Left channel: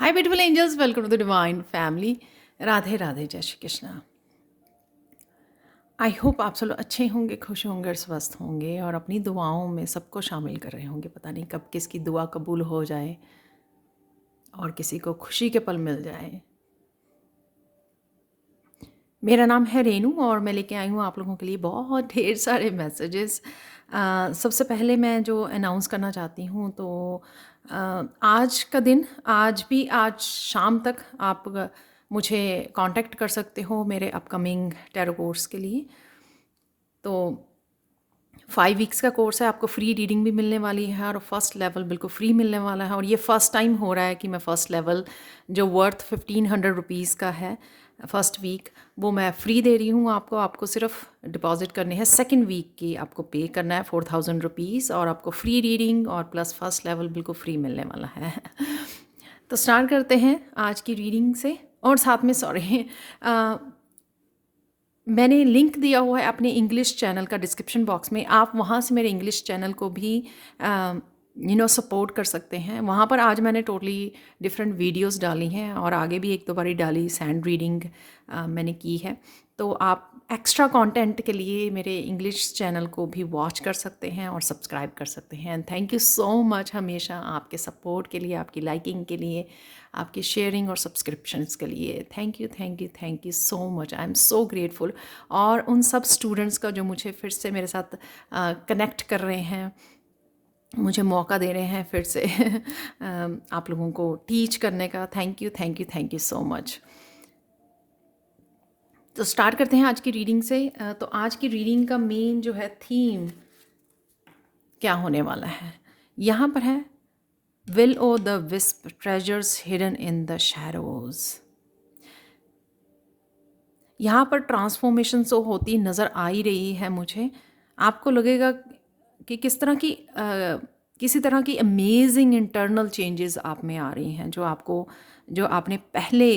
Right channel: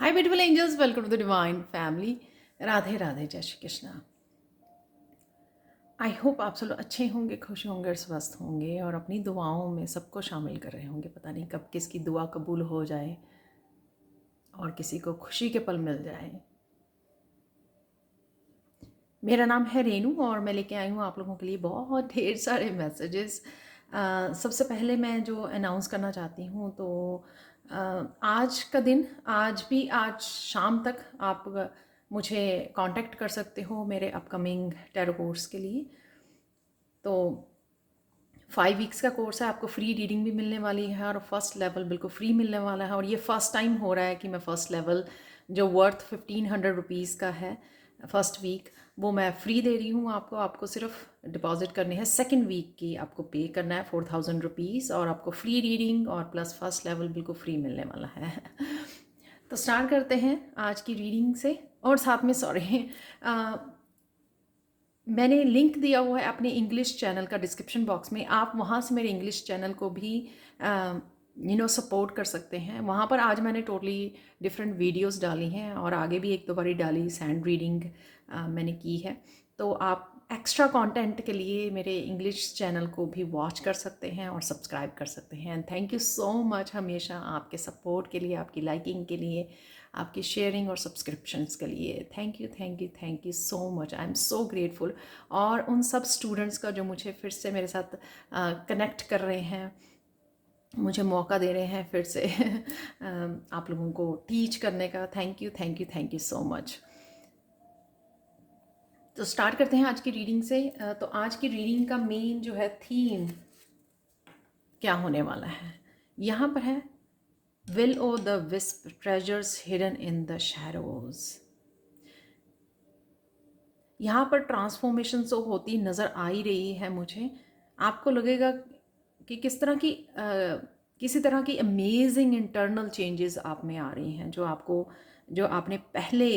Hi beautiful angels, welcome to the divine family. Radhe Radhe, जय Shri Krishna. I hope आप सब लोग अच्छे होंगे, खुश होंगे और स्वस्थ होंगे और अपनी दुआओं में सबको शामिल कर रहे होंगे। पता नहीं कब किसकी दुआ कबूल हो जाए और किसी को खुशी के पल मिल जाए। मेरा नाम है रेनू और मैं लेके आई हूँ आप लोगों के लिए बहुत ढेर सारे मैसेजेस। सबसे पहले मैं जो अनाउंस करना चाहती हूँ तो आज का दिन, आज शाम तक आप मुझे कांटेक्ट कर सकते हो मेरे अपकमिंग टैरो कोर्स के लिए। तो 5 वीक्स का कोर्स है, आपको फ्री रीडिंग भी मिलने वाली है और फर्स्ट लेवल बिल्कुल फ्री मिलने वाला है। और ये फ़र्स्ट टाइम हो रहा है कि मैं फ़र्स्ट लेवल जो वर्थ 1500 रुपीज़ का है फ़र्स्ट वीक, वो मैं फ्री दे रही हूँ आपको। आपको सिर्फ डिपॉजिट करने हैं, सेकंड वीक की आपको पे करना है 4000 रुपीज़ और आपको फ्री रीडिंग और प्लस फर्स्ट लेवल बिल्कुल फ्री मिलने वाला है। तो स्टार्ट करते हैं आज की रीडिंग से। और साथ में सॉरी, मैंने लिंक दिया हुआ है अपने इंग्लिश चैनल का डिस्क्रिप्शन बॉक्स में। आप वहाँ से मेरे इंग्लिश चैनल को भी सपोर्ट कर सकते हैं। वहाँ पर आज मैंने टोटली डिफरेंट वीडियोस डाली हैं और आगे भी एक दो बारी डाली, सैंड रीडिंग मैंने की है। तो आप एक्स्ट्रा कंटेंट के लिए मेरे इंग्लिश चैनल को भी वॉच कर सकते हैं और सब्सक्राइब कर सकते हैं। And thank you so much हमेशा आपके सपोर्ट के लिए, आपकी लाइकिंग के लिए, आपकी शेयरिंग और सब्सक्रिप्शंस के लिए। Thank you thank you thank you so much, I am so grateful. और उन सब स्टूडेंट्स का जो मुझे फिर से मेरे साथ कनेक्ट कर रहे हैं, मुझे मौका दे रहे हैं फिर से आप लोगों को टीच करने का। Thank you thank you thank you so much. तो स्टार्ट करते हैं आज की रीडिंग से। तो आज की रीडिंग का मेन जो है थीम क्या होने वाला है, यहाँ पर है will o' the wisp treasures hidden in the shadows. यहाँ पर ट्रांसफॉर्मेशन तो होती नज़र आ ही रही है मुझे। आपको लगेगा कि किस तरह की किसी तरह की अमेजिंग इंटरनल चेंजेस आप में आ रही हैं, जो आपने पहले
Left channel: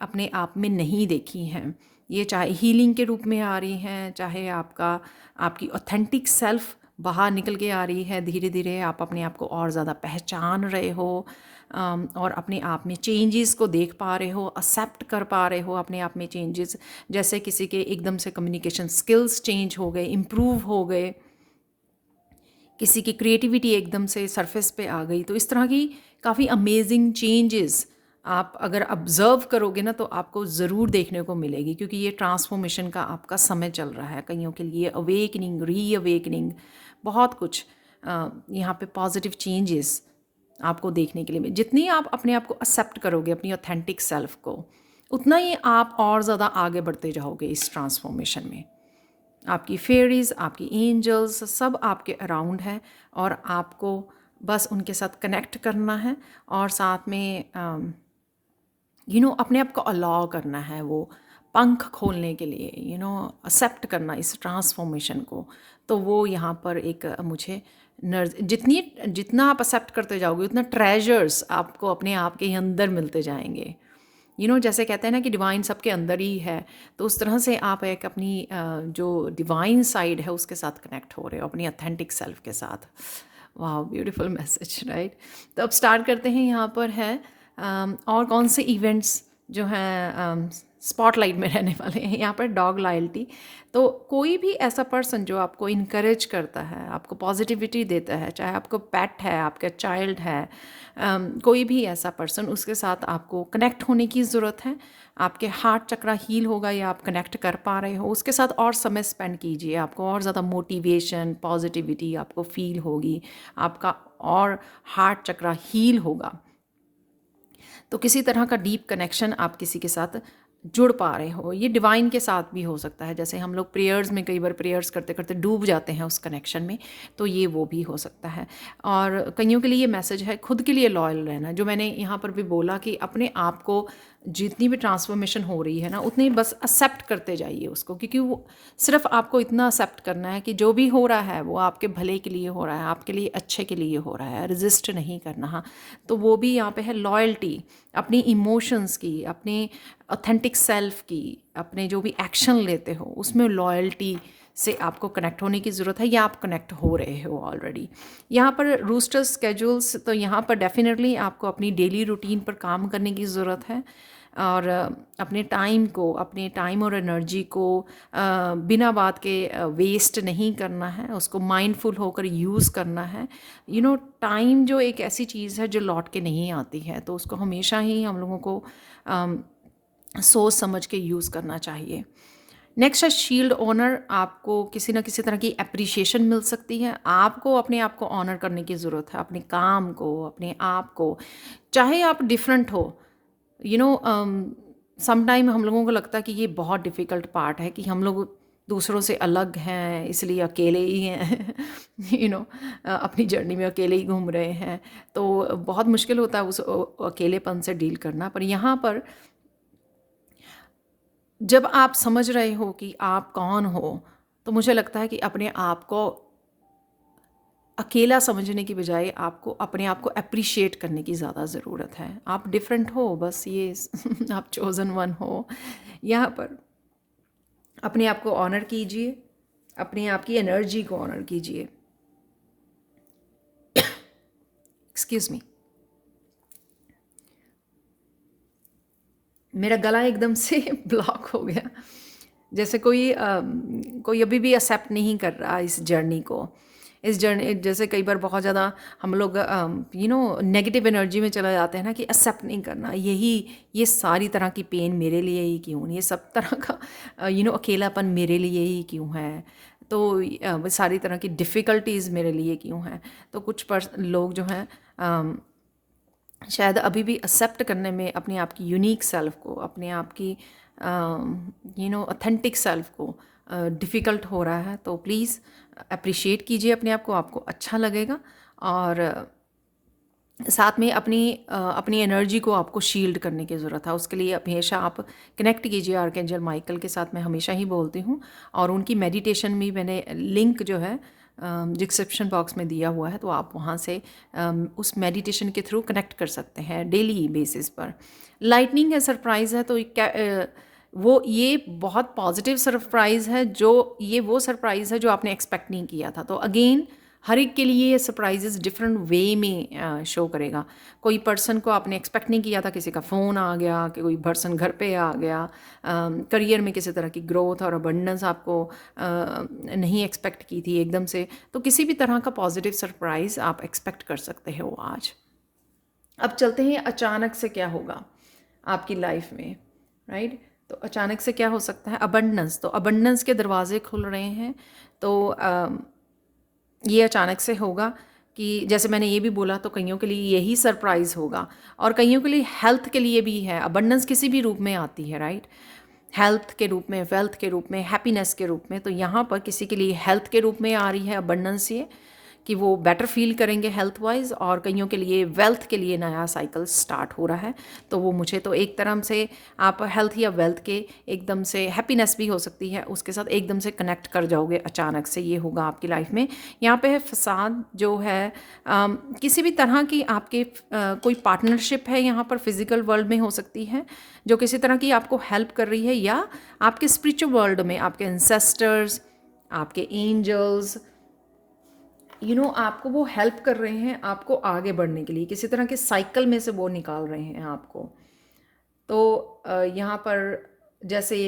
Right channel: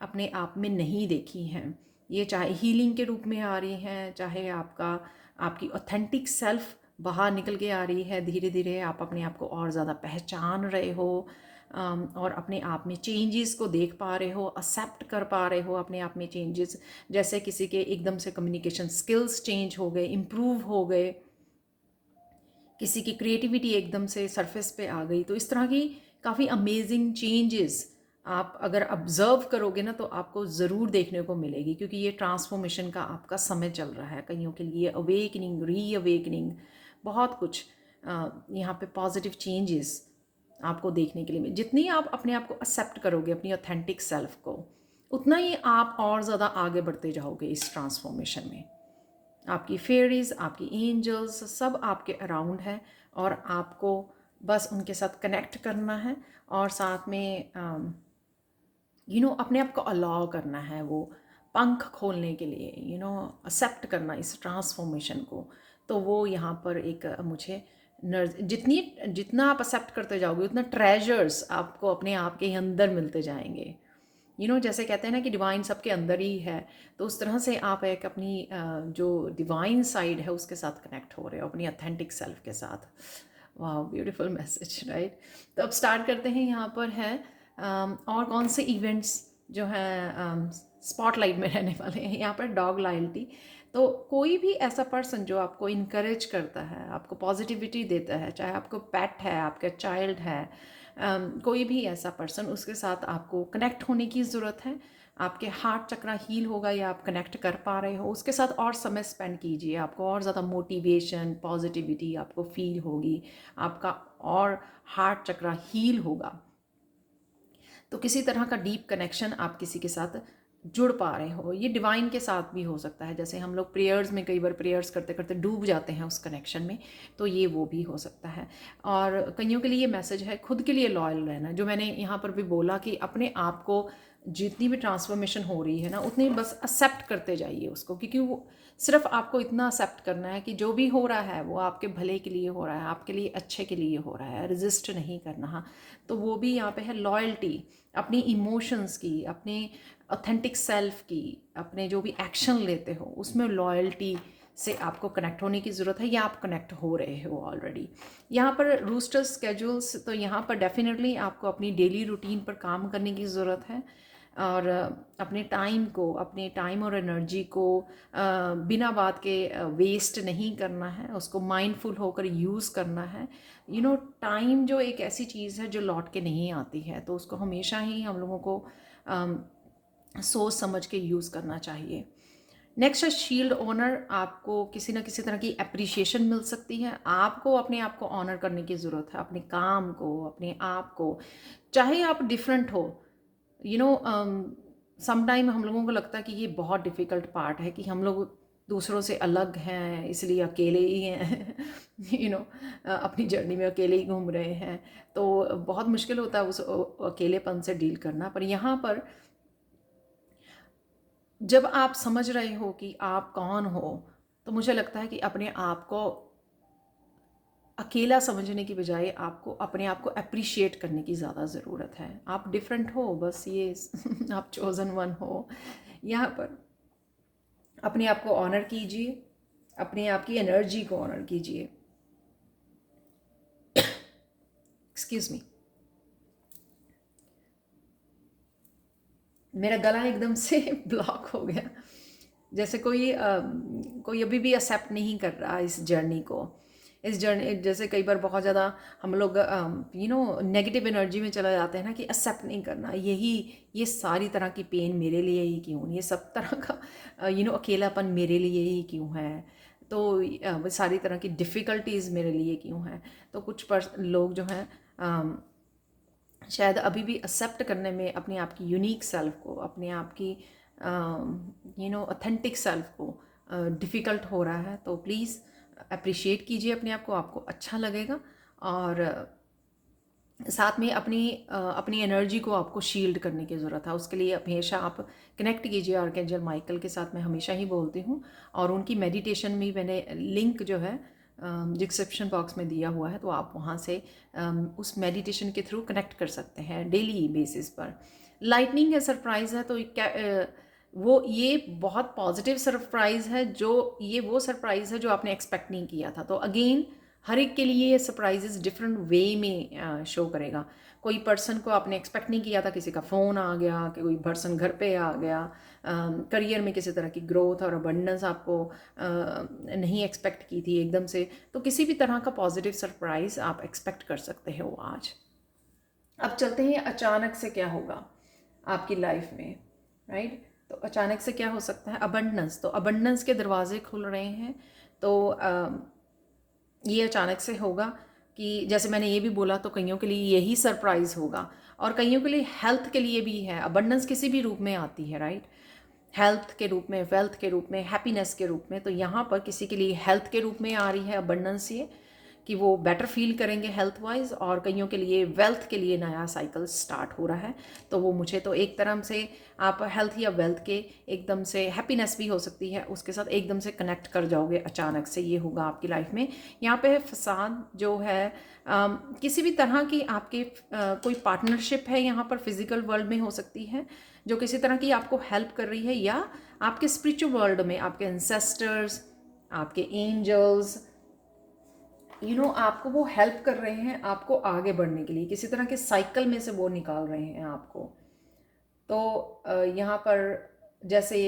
अपने आप में नहीं देखी हैं। ये चाहे हीलिंग के रूप में आ रही हैं, चाहे आपकी ऑथेंटिक सेल्फ बाहर निकल के आ रही है। धीरे धीरे आप अपने आप को और ज़्यादा पहचान रहे हो और अपने आप में चेंजेस को देख पा रहे हो, एक्सेप्ट कर पा रहे हो अपने आप में चेंजेस। जैसे किसी के एकदम से कम्युनिकेशन स्किल्स चेंज हो गए, इम्प्रूव हो गए, किसी की क्रिएटिविटी एकदम से सरफेस पे आ गई। तो इस तरह की काफ़ी अमेजिंग चेंजेस आप अगर ऑब्ज़र्व करोगे ना तो आपको ज़रूर देखने को मिलेगी, क्योंकि ये ट्रांसफॉर्मेशन का आपका समय चल रहा है। कईयों के लिए अवेकनिंग, री अवेकनिंग, बहुत कुछ यहाँ पे पॉजिटिव चेंजेस आपको देखने के लिए जितनी आप अपने आप को एक्सेप्ट करोगे, अपनी ऑथेंटिक सेल्फ को, उतना ही आप और ज़्यादा आगे बढ़ते जाओगे इस ट्रांसफॉर्मेशन में। आपकी फेरीज, आपकी एंजल्स सब आपके अराउंड हैं और आपको बस उनके साथ कनेक्ट करना है और साथ में अपने आप को अलाउ करना है, वो पंख खोलने के लिए, एक्सेप्ट करना इस ट्रांसफॉर्मेशन को। तो वो यहाँ पर एक मुझे जितना आप एक्सेप्ट करते जाओगे उतना ट्रेजर्स आपको अपने आप के अंदर मिलते जाएंगे। जैसे कहते हैं ना कि डिवाइन सबके अंदर ही है, तो उस तरह से आप एक अपनी जो डिवाइन साइड है उसके साथ कनेक्ट हो रहे हो, अपनी ऑथेंटिक सेल्फ के साथ। वाह, ब्यूटीफुल मैसेज, राइट। तो अब स्टार्ट करते हैं। यहाँ पर है और कौन से इवेंट्स जो हैं स्पॉटलाइट में रहने वाले हैं। यहाँ पर डॉग लॉयल्टी। तो कोई भी ऐसा पर्सन जो आपको इनकरेज करता है, आपको पॉजिटिविटी देता है, चाहे आपको पेट है, आपका चाइल्ड है, कोई भी ऐसा पर्सन, उसके साथ आपको कनेक्ट होने की ज़रूरत है। आपके हार्ट चक्रा हील होगा या आप कनेक्ट कर पा रहे हो, उसके साथ और समय स्पेंड कीजिए। आपको और ज़्यादा मोटिवेशन, पॉजिटिविटी आपको फील होगी, आपका और हार्ट चक्रा हील होगा। तो किसी तरह का डीप कनेक्शन आप किसी के साथ जुड़ पा रहे हो। ये डिवाइन के साथ भी हो सकता है, जैसे हम लोग प्रेयर्स में कई बार प्रेयर्स करते करते डूब जाते हैं उस कनेक्शन में, तो ये वो भी हो सकता है। और कईयों के लिए ये मैसेज है खुद के लिए लॉयल रहना, जो मैंने यहाँ पर भी बोला कि अपने आप को जितनी भी ट्रांसफॉर्मेशन हो रही है ना, उतनी बस एक्सेप्ट करते जाइए उसको, क्योंकि वो सिर्फ आपको इतना एक्सेप्ट करना है कि जो भी हो रहा है वो आपके भले के लिए हो रहा है, आपके लिए अच्छे के लिए हो रहा है, रजिस्ट नहीं करना। हाँ, तो वो भी यहाँ पे है लॉयल्टी, अपनी इमोशंस की, अपने ऑथेंटिक सेल्फ की, अपने जो भी एक्शन लेते हो उसमें लॉयल्टी से आपको कनेक्ट होने की ज़रूरत है, या आप कनेक्ट हो रहे हो ऑलरेडी। यहाँ पर रूस्टर स्केड्यूल्स, तो यहाँ पर डेफिनेटली आपको अपनी डेली रूटीन पर काम करने की ज़रूरत है, और अपने टाइम और एनर्जी को बिना बात के वेस्ट नहीं करना है, उसको माइंडफुल होकर यूज़ करना है। टाइम जो एक ऐसी चीज़ है जो लौट के नहीं आती है, तो उसको हमेशा ही हम लोगों को सोच समझ के यूज़ करना चाहिए। नेक्स्ट है शील्ड ऑनर। आपको किसी ना किसी तरह की अप्रिशिएशन मिल सकती है, आपको अपने आप को ऑनर करने की ज़रूरत है, अपने काम को, अपने आप को, चाहे आप डिफरेंट हो। समटाइम हम लोगों को लगता है कि ये बहुत डिफ़िकल्ट पार्ट है कि हम लोग दूसरों से अलग हैं, इसलिए अकेले ही हैं। अपनी जर्नी में अकेले ही घूम रहे हैं, तो बहुत मुश्किल होता है उस अकेलेपन से डील करना। पर यहाँ पर जब आप समझ रहे हो कि आप कौन हो, तो मुझे लगता है कि अपने आप को अकेला समझने की बजाय आपको अपने आप को एप्रिशिएट करने की ज़्यादा ज़रूरत है। आप डिफरेंट हो, बस ये आप चोज़न वन हो। यहाँ पर अपने आप को ऑनर कीजिए, अपने आप की एनर्जी को ऑनर कीजिए। एक्सक्यूज़ मी, मेरा गला एकदम से ब्लॉक हो गया, जैसे कोई अभी भी एक्सेप्ट नहीं कर रहा इस जर्नी। जैसे कई बार बहुत ज़्यादा हम लोग नेगेटिव एनर्जी में चला जाते हैं ना, कि एक्सेप्ट नहीं करना, ये सारी तरह की पेन मेरे लिए ही क्यों, ये सब तरह का अकेलापन मेरे लिए ही क्यों है, तो वो सारी तरह की डिफ़िकल्टीज़ मेरे लिए क्यों हैं। तो कुछ लोग जो हैं शायद अभी भी एक्सेप्ट करने में अपने आप की यूनिक सेल्फ को, अपने आप की ऑथेंटिक सेल्फ को डिफ़िकल्ट हो रहा है। तो प्लीज़ अप्रिशिएट कीजिए अपने आप को, आपको अच्छा लगेगा। और साथ में अपनी एनर्जी को आपको शील्ड करने की ज़रूरत है। उसके लिए हमेशा आप कनेक्ट कीजिए आर्कएंजल माइकल के साथ। मैं हमेशा ही बोलती हूँ, और उनकी मेडिटेशन भी मैंने लिंक जो है डिस्क्रिप्शन बॉक्स में दिया हुआ है, तो आप वहाँ से उस मेडिटेशन के थ्रू कनेक्ट कर सकते हैं डेली बेसिस पर। लाइटनिंग है, सरप्राइज़ है, तो ये बहुत पॉजिटिव सरप्राइज़ है, ये वो सरप्राइज़ है जो आपने एक्सपेक्ट नहीं किया था। तो अगेन हर एक के लिए ये सरप्राइजेस डिफरेंट वे में शो करेगा। कोई पर्सन को आपने एक्सपेक्ट नहीं किया था, किसी का फ़ोन आ गया, कि कोई पर्सन घर पे आ गया, करियर में किसी तरह की ग्रोथ और अबंडेंस आपको नहीं एक्सपेक्ट की थी एकदम से। तो किसी भी तरह का पॉजिटिव सरप्राइज़ आप एक्सपेक्ट कर सकते हो आज। अब चलते हैं अचानक से क्या होगा आपकी लाइफ में, राइट। तो अचानक से क्या हो सकता है, अबंडेंस। तो अबंडेंस के दरवाजे खुल रहे हैं। तो ये अचानक से होगा कि जैसे मैंने ये भी बोला, तो कईयों के लिए यही सरप्राइज़ होगा, और कईयों के लिए हेल्थ के लिए भी है। अबंडेंस किसी भी रूप में आती है, राइट। हेल्थ के रूप में, वेल्थ के रूप में, हैप्पीनेस के रूप में। तो यहाँ पर किसी के लिए हेल्थ के रूप में आ रही है अबंडेंस, ये कि वो बेटर फील करेंगे हेल्थ वाइज, और कईयों के लिए वेल्थ के लिए नया साइकिल स्टार्ट हो रहा है। तो वो मुझे तो एक तरह से आप हेल्थ या वेल्थ के एकदम से, हैप्पीनेस भी हो सकती है, उसके साथ एकदम से कनेक्ट कर जाओगे अचानक से। ये होगा आपकी लाइफ में। यहाँ पे है फसाद जो है, किसी भी तरह की आपके कोई पार्टनरशिप है यहाँ पर, फिजिकल वर्ल्ड में हो सकती है, जो किसी तरह की आपको हेल्प कर रही है, या आपके स्पिरिचुअल वर्ल्ड में आपके एंसेस्टर्स, आपके एंजल्स आपको वो हेल्प कर रहे हैं आपको आगे बढ़ने के लिए, किसी तरह के साइकिल में से वो निकाल रहे हैं आपको। तो यहाँ पर जैसे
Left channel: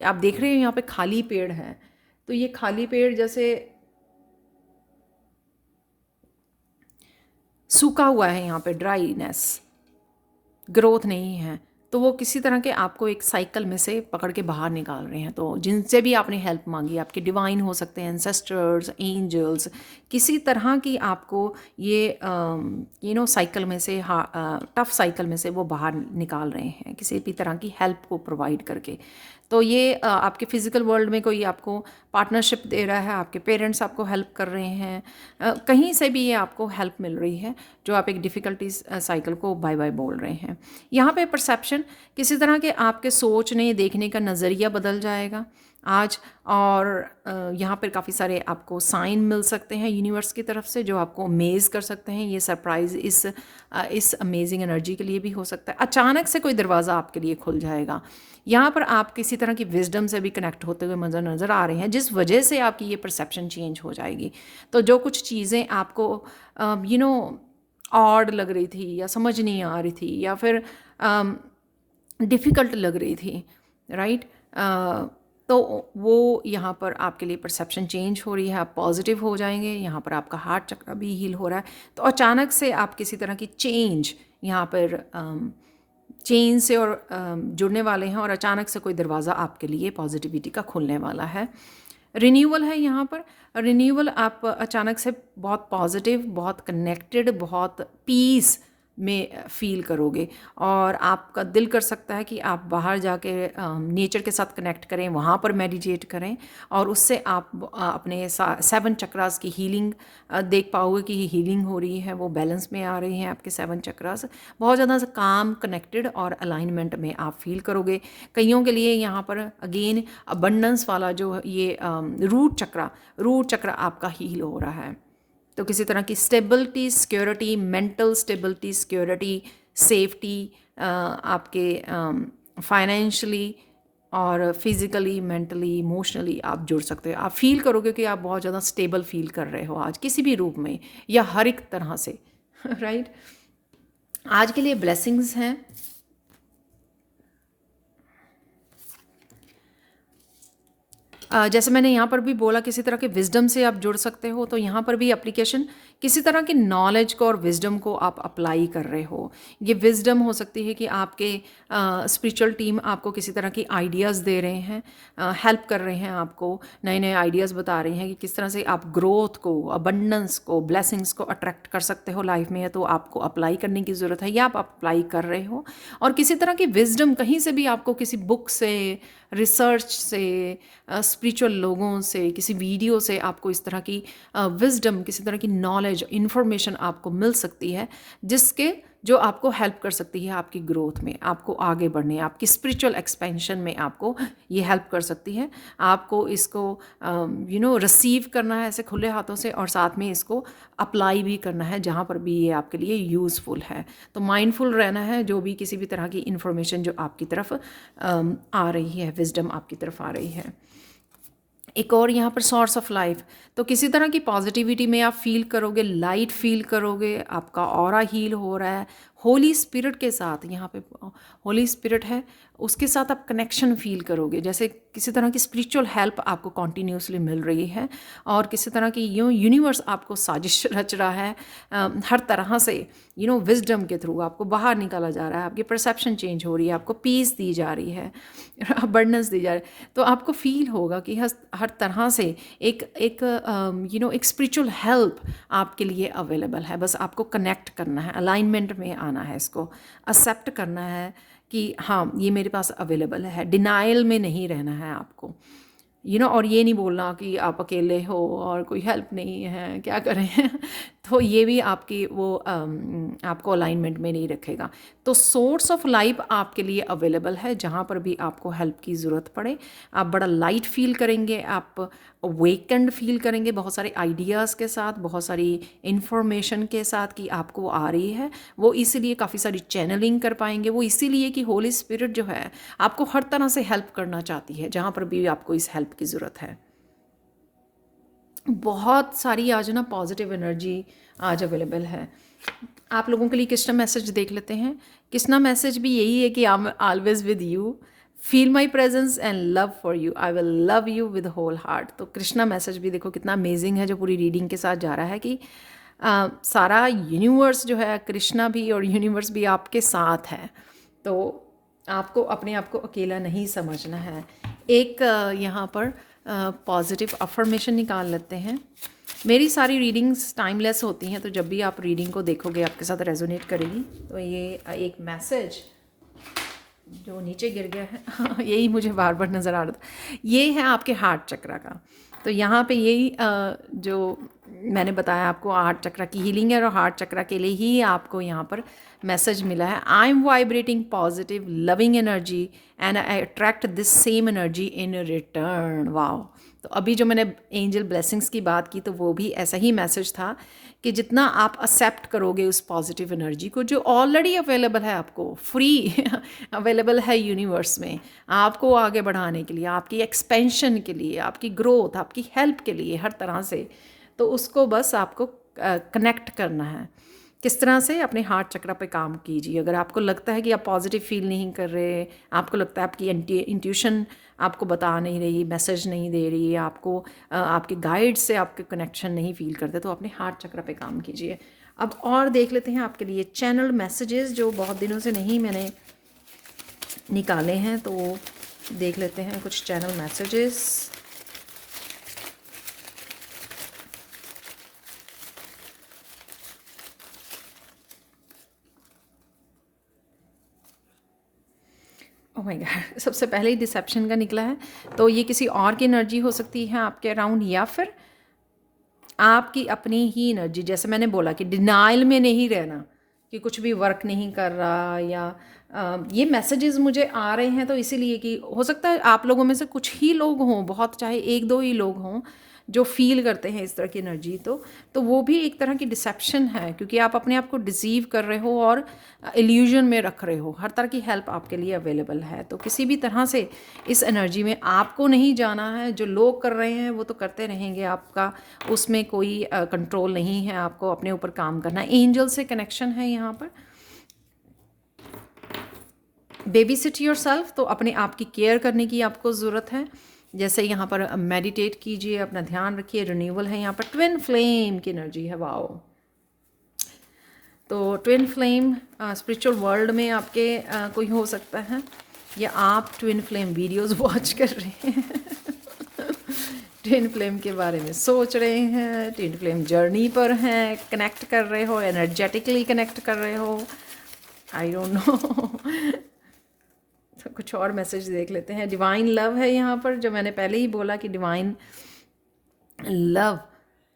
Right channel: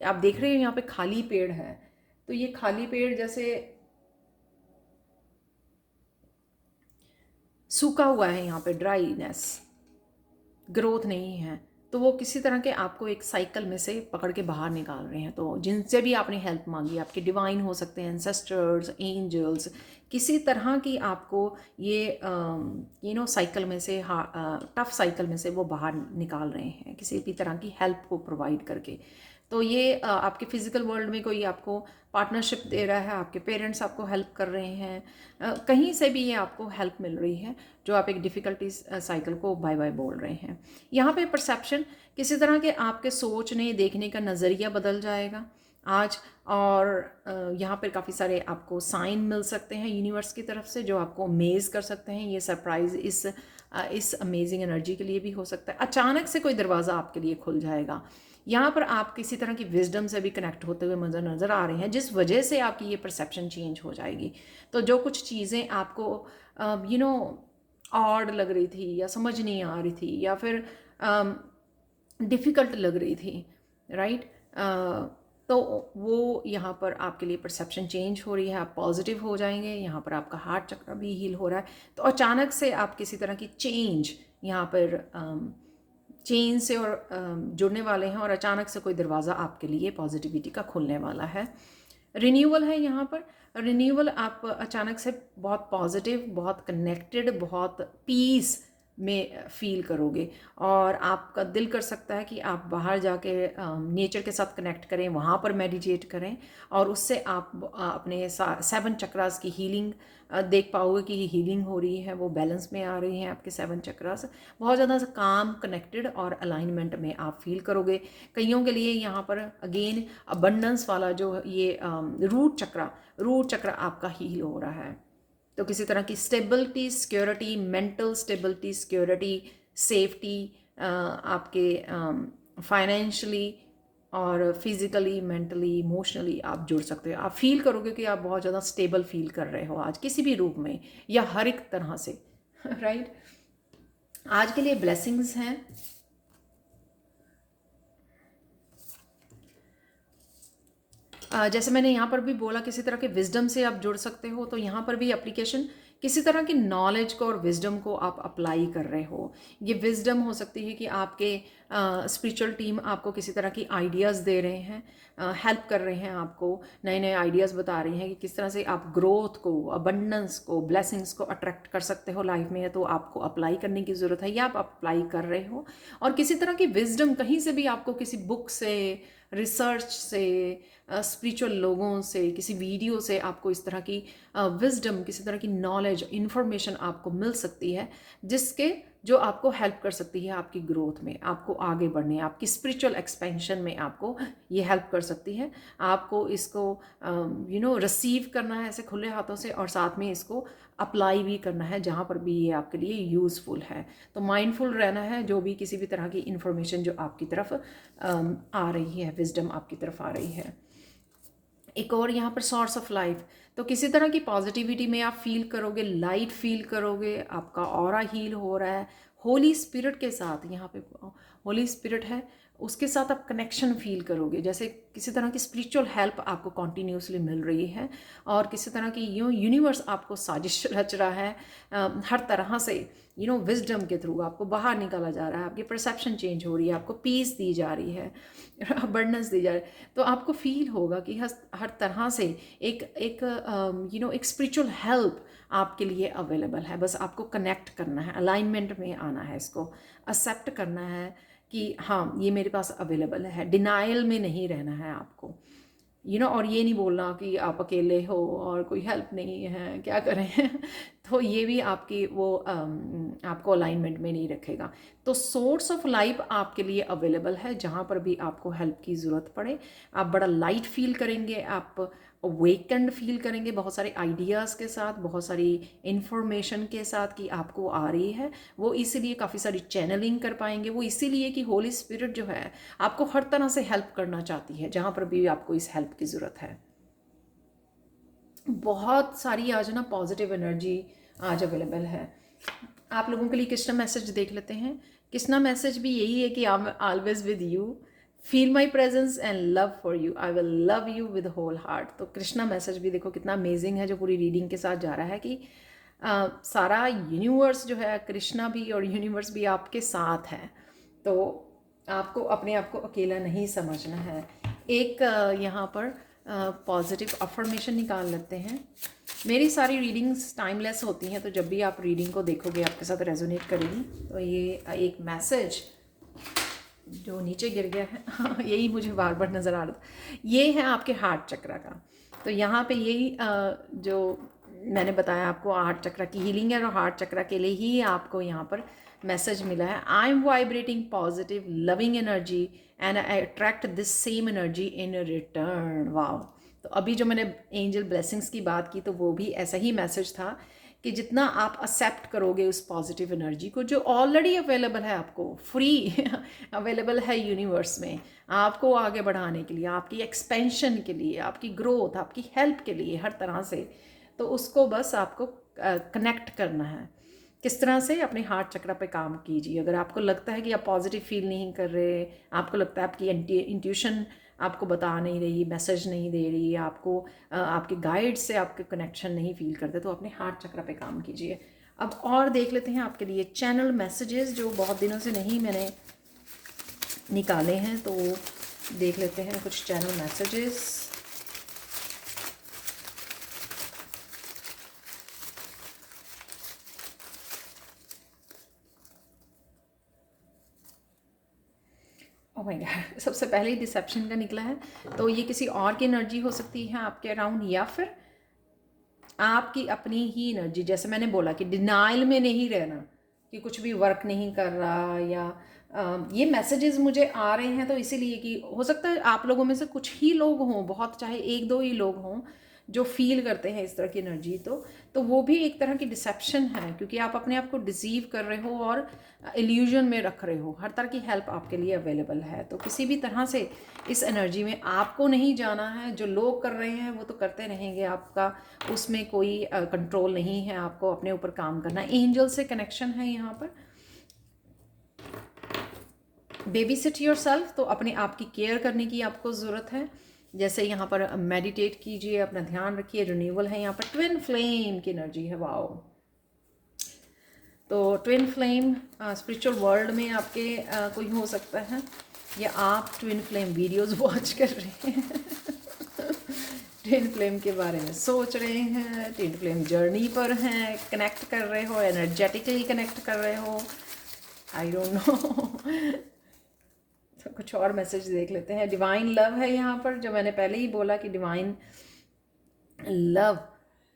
आप देख रहे हो यहाँ पे खाली पेड़ है, तो ये खाली पेड़ जैसे सूखा हुआ है, यहाँ पे ड्राईनेस, ग्रोथ नहीं है, तो वो किसी तरह के आपको एक साइकिल में से पकड़ के बाहर निकाल रहे हैं। तो जिनसे भी आपने हेल्प मांगी, आपके डिवाइन हो सकते हैं, एंसेस्टर्स, एंजल्स, किसी तरह की आपको ये साइकिल में से, टफ साइकिल में से वो बाहर निकाल रहे हैं, किसी भी तरह की हेल्प को प्रोवाइड करके। तो ये आपके फिज़िकल वर्ल्ड में कोई आपको पार्टनरशिप दे रहा है, आपके पेरेंट्स आपको हेल्प कर रहे हैं, कहीं से भी ये आपको हेल्प मिल रही है, जो आप एक डिफ़िकल्टीज साइकिल को बाय बाय बोल रहे हैं। यहाँ पे परसेप्शन, किसी तरह के आपके सोचने देखने का नज़रिया बदल जाएगा, आज। और यहाँ पर काफ़ी सारे आपको साइन मिल सकते हैं यूनिवर्स की तरफ से जो आपको अमेज़ कर सकते हैं। ये सरप्राइज़ इस अमेजिंग एनर्जी के लिए भी हो सकता है। अचानक से कोई दरवाज़ा आपके लिए खुल जाएगा। यहाँ पर आप किसी तरह की विजडम से भी कनेक्ट होते हुए नज़र आ रहे हैं, जिस वजह से आपकी ये परसेप्शन चेंज हो जाएगी। तो जो कुछ चीज़ें आपको यू नो ऑड लग रही थी या समझ नहीं आ रही थी या फिर डिफ़िकल्ट लग रही थी, राइट, तो वो यहाँ पर आपके लिए परसेप्शन चेंज हो रही है, आप पॉजिटिव हो जाएंगे। यहाँ पर आपका हार्ट चक्र भी हील हो रहा है। तो अचानक से आप किसी तरह की चेंज यहाँ पर चेंज से और जुड़ने वाले हैं, और अचानक से कोई दरवाज़ा आपके लिए पॉजिटिविटी का खुलने वाला है। रिन्यूअल है यहाँ पर। रिन्यूअल, आप अचानक से बहुत पॉजिटिव, बहुत कनेक्टेड, बहुत पीस में फ़ील करोगे, और आपका दिल कर सकता है कि आप बाहर जाके नेचर के साथ कनेक्ट करें, वहाँ पर मेडिटेट करें, और उससे आप अपने 7 चक्रास की हीलिंग देख पाओगे कि हीलिंग हो रही है, वो बैलेंस में आ रही हैं आपके 7 चक्रास। बहुत ज़्यादा काम, कनेक्टेड और अलाइनमेंट में आप फील करोगे। कईयों के लिए यहाँ पर अगेन अबंडेंस वाला जो ये रूट चक्र आपका हील हो रहा है। तो किसी तरह की stability, security, mental stability, security, safety, आपके फाइनेंशियली और फिज़िकली, मेंटली, इमोशनली आप जुड़ सकते हो। आप फील करोगे कि आप बहुत ज़्यादा स्टेबल फील कर रहे हो आज, किसी भी रूप में या हर एक तरह से। राइट। आज के लिए ब्लेसिंग्स हैं। जैसे मैंने यहाँ पर भी बोला, किसी तरह के विजडम से आप जुड़ सकते हो, तो यहाँ पर भी एप्लीकेशन किसी तरह की नॉलेज को और विजडम को आप अप्लाई कर रहे हो। ये विजडम हो सकती है कि आपके स्पिरिचुअल टीम आपको किसी तरह की आइडियाज़ दे रहे हैं, हेल्प कर रहे हैं, आपको नए नए आइडियाज़ बता रहे हैं कि किस तरह से आप ग्रोथ को, अबंडेंस को, ब्लेसिंग्स को अट्रैक्ट कर सकते हो लाइफ में। तो आपको अप्लाई करने की ज़रूरत है या आप अप्लाई कर रहे हो। और किसी तरह की विजडम कहीं से भी आपको, किसी बुक से, रिसर्च से, स्पिरिचुअल लोगों से, किसी वीडियो से आपको इस तरह की विजडम, किसी तरह की नॉलेज, इन्फॉर्मेशन आपको मिल सकती है, जिसके जो आपको हेल्प कर सकती है आपकी ग्रोथ में, आपको आगे बढ़ने, आपकी स्पिरिचुअल एक्सपेंशन में आपको ये हेल्प कर सकती है। आपको इसको रिसीव करना है ऐसे खुले हाथों से, और साथ में इसको अप्लाई भी करना है जहाँ पर भी ये आपके लिए यूज़फुल है। तो माइंडफुल रहना है जो भी किसी भी तरह की इन्फॉर्मेशन जो आपकी तरफ आ रही है, विजडम आपकी तरफ आ रही है। एक और यहाँ पर सोर्स ऑफ लाइफ, तो किसी तरह की पॉजिटिविटी में आप फील करोगे, लाइट फील करोगे, आपका ऑरा हील हो रहा है। होली स्पिरिट के साथ, यहाँ पे होली स्पिरिट है, उसके साथ आप कनेक्शन फील करोगे, जैसे किसी तरह की स्पिरिचुअल हेल्प आपको कॉन्टीन्यूसली मिल रही है, और किसी तरह की यूनिवर्स आपको साजिश रच रहा है, हर तरह से विजडम के थ्रू आपको बाहर निकाला जा रहा है, आपकी परसेप्शन चेंज हो रही है, आपको पीस दी जा रही है, अबंडेंस दी जा रही है। तो आपको फील होगा कि हर तरह से एक स्पिरिचुअल हेल्प आपके लिए अवेलेबल है। बस आपको कनेक्ट करना है, अलाइनमेंट में आना है, इसको एक्सेप्ट करना है कि हाँ, ये मेरे पास अवेलेबल है। डिनाइल में नहीं रहना है आपको, और ये नहीं बोलना कि आप अकेले हो और कोई हेल्प नहीं है, क्या करें। तो ये भी आपकी आपको अलाइनमेंट में नहीं रखेगा। तो सोर्स ऑफ लाइफ आपके लिए अवेलेबल है, जहाँ पर भी आपको हेल्प की ज़रूरत पड़े आप बड़ा लाइट फील करेंगे, आप अवेकेंड फील करेंगे, बहुत सारे आइडियाज़ के साथ, बहुत सारी इंफॉर्मेशन के साथ कि आपको आ रही है। वो इसीलिए काफ़ी सारी चैनलिंग कर पाएंगे, वो इसीलिए कि होली स्पिरिट जो है आपको हर तरह से हेल्प करना चाहती है, जहाँ पर भी आपको इस हेल्प की ज़रूरत है। बहुत सारी आज ना पॉजिटिव एनर्जी आज अवेलेबल है। आप लोगों के लिए कृष्णा मैसेज देख लेते हैं। कृष्णा मैसेज भी यही है कि I am always with you, feel my presence and love for you, I will love you with whole heart. तो कृष्णा मैसेज भी देखो कितना अमेजिंग है, जो पूरी रीडिंग के साथ जा रहा है कि सारा यूनिवर्स जो है, कृष्णा भी और यूनिवर्स भी आपके साथ है। तो आपको अपने आप को अकेला नहीं समझना है। एक यहाँ पर पॉजिटिव अफर्मेशन निकाल लेते हैं। मेरी सारी रीडिंग्स टाइमलेस होती हैं, तो जब भी आप रीडिंग को देखोगे आपके साथ रेजोनेट करेगी। तो ये एक मैसेज जो नीचे गिर गया है यही मुझे बार बार नज़र आ रहा था, ये है आपके हार्ट चक्रा का। तो यहाँ पे यही जो मैंने बताया आपको, हार्ट चक्रा की हीलिंग है और हार्ट चक्रा के लिए ही आपको यहाँ पर मैसेज मिला है। I am vibrating positive loving energy and I attract this same energy in return. Wow. तो अभी जो मैंने एंजल ब्लेसिंग्स की बात की तो वो भी ऐसा ही मैसेज था कि जितना आप एक्सेप्ट करोगे उस पॉजिटिव एनर्जी को जो ऑलरेडी अवेलेबल है, आपको फ्री अवेलेबल है यूनिवर्स में, आपको आगे बढ़ाने के लिए, आपकी एक्सपेंशन के लिए, आपकी ग्रोथ, आपकी हेल्प के लिए, हर तरह से। तो उसको बस आपको कनेक्ट करना है। किस तरह से? अपने हार्ट चक्र पे काम कीजिए। अगर आपको लगता है कि आप पॉजिटिव फील नहीं कर रहे, आपको लगता है आपकी इंट्यूशन आपको बता नहीं रही, मैसेज नहीं दे रही, आपको आपके गाइड से आपके कनेक्शन नहीं फील करते, तो अपने हार्ट चक्र पे काम कीजिए। अब और देख लेते हैं आपके लिए चैनल मैसेजेस जो बहुत दिनों से नहीं मैंने निकाले हैं, तो देख लेते हैं कुछ channel messages. Oh my God, सबसे पहले ही डिसेप्शन का निकला है, तो ये किसी और की एनर्जी हो सकती है आपके अराउंड, या फिर आपकी अपनी ही एनर्जी। जैसे मैंने बोला कि डिनाइल में नहीं रहना कि कुछ भी वर्क नहीं कर रहा, या ये मैसेजेस मुझे आ रहे हैं तो इसीलिए कि हो सकता है आप लोगों में से कुछ ही लोग हों, बहुत चाहे एक दो ही लोग हों जो फील करते हैं इस तरह की एनर्जी, तो वो भी एक तरह की डिसेप्शन है, क्योंकि आप अपने आप को डिसीव कर रहे हो और इल्यूजन में रख रहे हो। हर तरह की हेल्प आपके लिए अवेलेबल है, तो किसी भी तरह से इस एनर्जी में आपको नहीं जाना है। जो लोग कर रहे हैं वो तो करते रहेंगे, आपका उसमें कोई कंट्रोल नहीं है, आपको अपने ऊपर काम करना है। एंजल से कनेक्शन है यहाँ पर। बेबी सिट योर सेल्फ, तो अपने आप की केयर करने की आपको ज़रूरत है। जैसे यहाँ पर मेडिटेट कीजिए, अपना ध्यान रखिए। रिन्यूअल है यहाँ पर, ट्विन फ्लेम की एनर्जी है। वाओ। तो ट्विन फ्लेम स्पिरिचुअल वर्ल्ड में आपके कोई हो सकता है, या आप ट्विन फ्लेम वीडियोस वॉच कर रहे हैं ट्विन फ्लेम के बारे में सोच रहे हैं, ट्विन फ्लेम जर्नी पर हैं, कनेक्ट कर रहे हो, एनर्जेटिकली कनेक्ट कर रहे हो, आई डोंट नो तो कुछ और मैसेज देख लेते हैं। डिवाइन लव है यहाँ पर, जो मैंने पहले ही बोला कि डिवाइन लव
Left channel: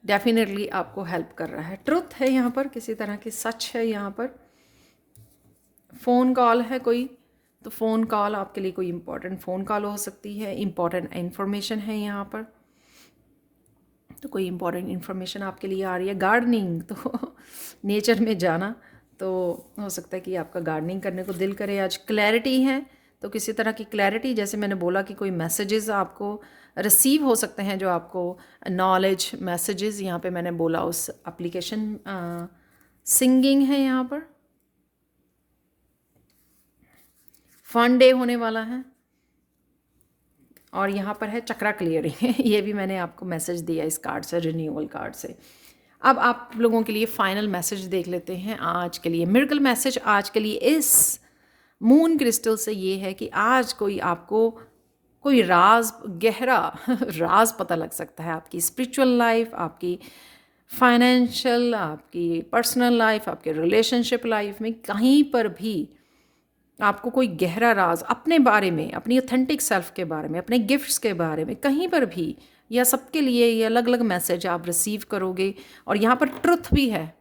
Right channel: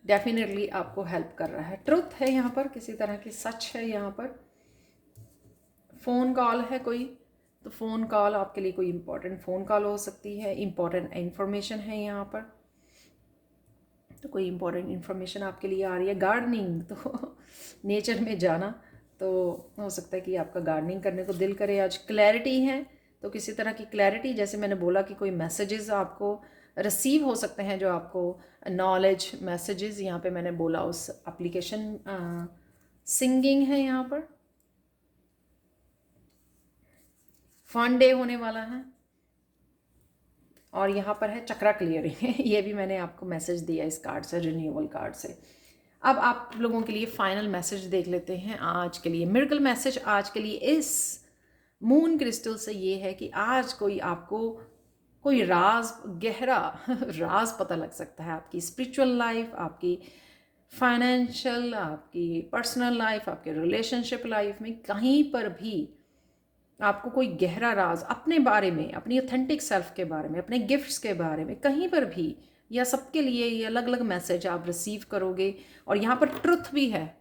डेफिनेटली आपको हेल्प कर रहा है। ट्रुथ है यहाँ पर, किसी तरह की सच है यहाँ पर। फ़ोन कॉल है कोई, तो फ़ोन कॉल आपके लिए कोई इंपॉर्टेंट फ़ोन कॉल हो सकती है, इंपॉर्टेंट इन्फॉर्मेशन है यहाँ पर, तो कोई इंपॉर्टेंट इन्फॉर्मेशन आपके लिए आ रही है। गार्डनिंग, तो नेचर में जाना, तो हो सकता है कि आपका गार्डनिंग करने को दिल करे आज। क्लैरिटी है, तो किसी तरह की क्लैरिटी, जैसे मैंने बोला कि कोई मैसेजेस आपको रिसीव हो सकते हैं जो आपको नॉलेज मैसेजेस, यहाँ पे मैंने बोला उस एप्लीकेशन। सिंगिंग है यहाँ पर, फन डे होने वाला है, और यहाँ पर है चक्रा क्लियरिंग ये भी मैंने आपको मैसेज दिया इस कार्ड से, रिन्यूअल कार्ड से। अब आप लोगों के लिए फाइनल मैसेज देख लेते हैं आज के लिए। मिरेकल मैसेज आज के लिए इस मून क्रिस्टल से ये है कि आज कोई आपको कोई राज, गहरा राज पता लग सकता है आपकी स्पिरिचुअल लाइफ, आपकी फाइनेंशियल, आपकी पर्सनल लाइफ, आपके रिलेशनशिप लाइफ में, कहीं पर भी आपको कोई गहरा राज अपने बारे में, अपनी ऑथेंटिक सेल्फ के बारे में, अपने गिफ्ट्स के बारे में, कहीं पर भी, या सबके लिए ये अलग अलग मैसेज आप रिसीव करोगे। और यहाँ पर ट्रुथ भी है,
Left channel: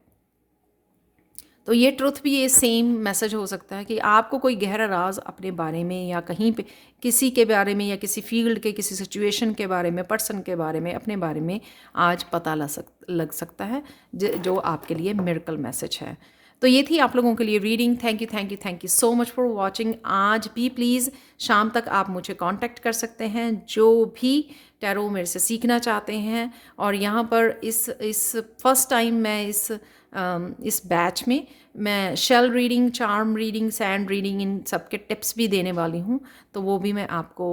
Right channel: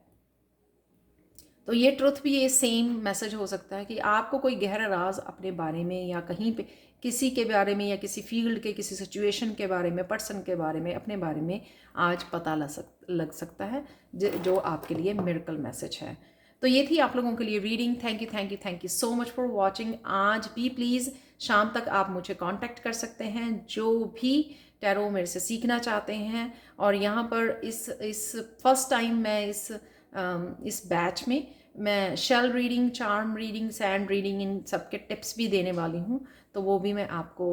तो ये ट्रुथ भी ये सेम मैसेज हो सकता है कि आपको कोई गहरा राज अपने बारे में, या कहीं पे किसी के बारे में, या किसी फील्ड के किसी सिचुएशन के बारे में, पर्सन के बारे में, अपने बारे में आज पता लग सकता है, जो आपके लिए मिरेकल मैसेज है। तो ये थी आप लोगों के लिए reading. Thank you thank you thank you so much for watching. आज भी प्लीज़ शाम तक आप मुझे कांटेक्ट कर सकते हैं, जो भी टैरो मेरे से सीखना चाहते हैं। और यहाँ पर इस फर्स्ट टाइम मैं इस बैच में मैं shell reading, charm reading, sand reading, इन सब के टिप्स भी देने वाली हूँ, तो वो भी मैं आपको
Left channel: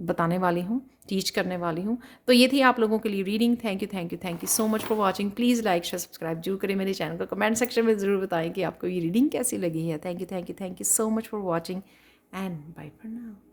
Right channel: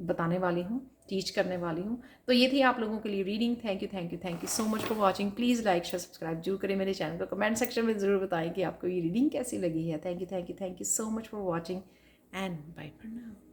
बताने वाली हूँ, टीच करने वाली हूँ। तो ये थी आप लोगों के लिए reading. Thank you thank you thank you so much for watching. Please like share subscribe जरूर करें मेरे चैनल को। कमेंट सेक्शन में ज़रूर बताएं कि आपको ये रीडिंग कैसी लगी है। Thank you so much for watching and bye for now.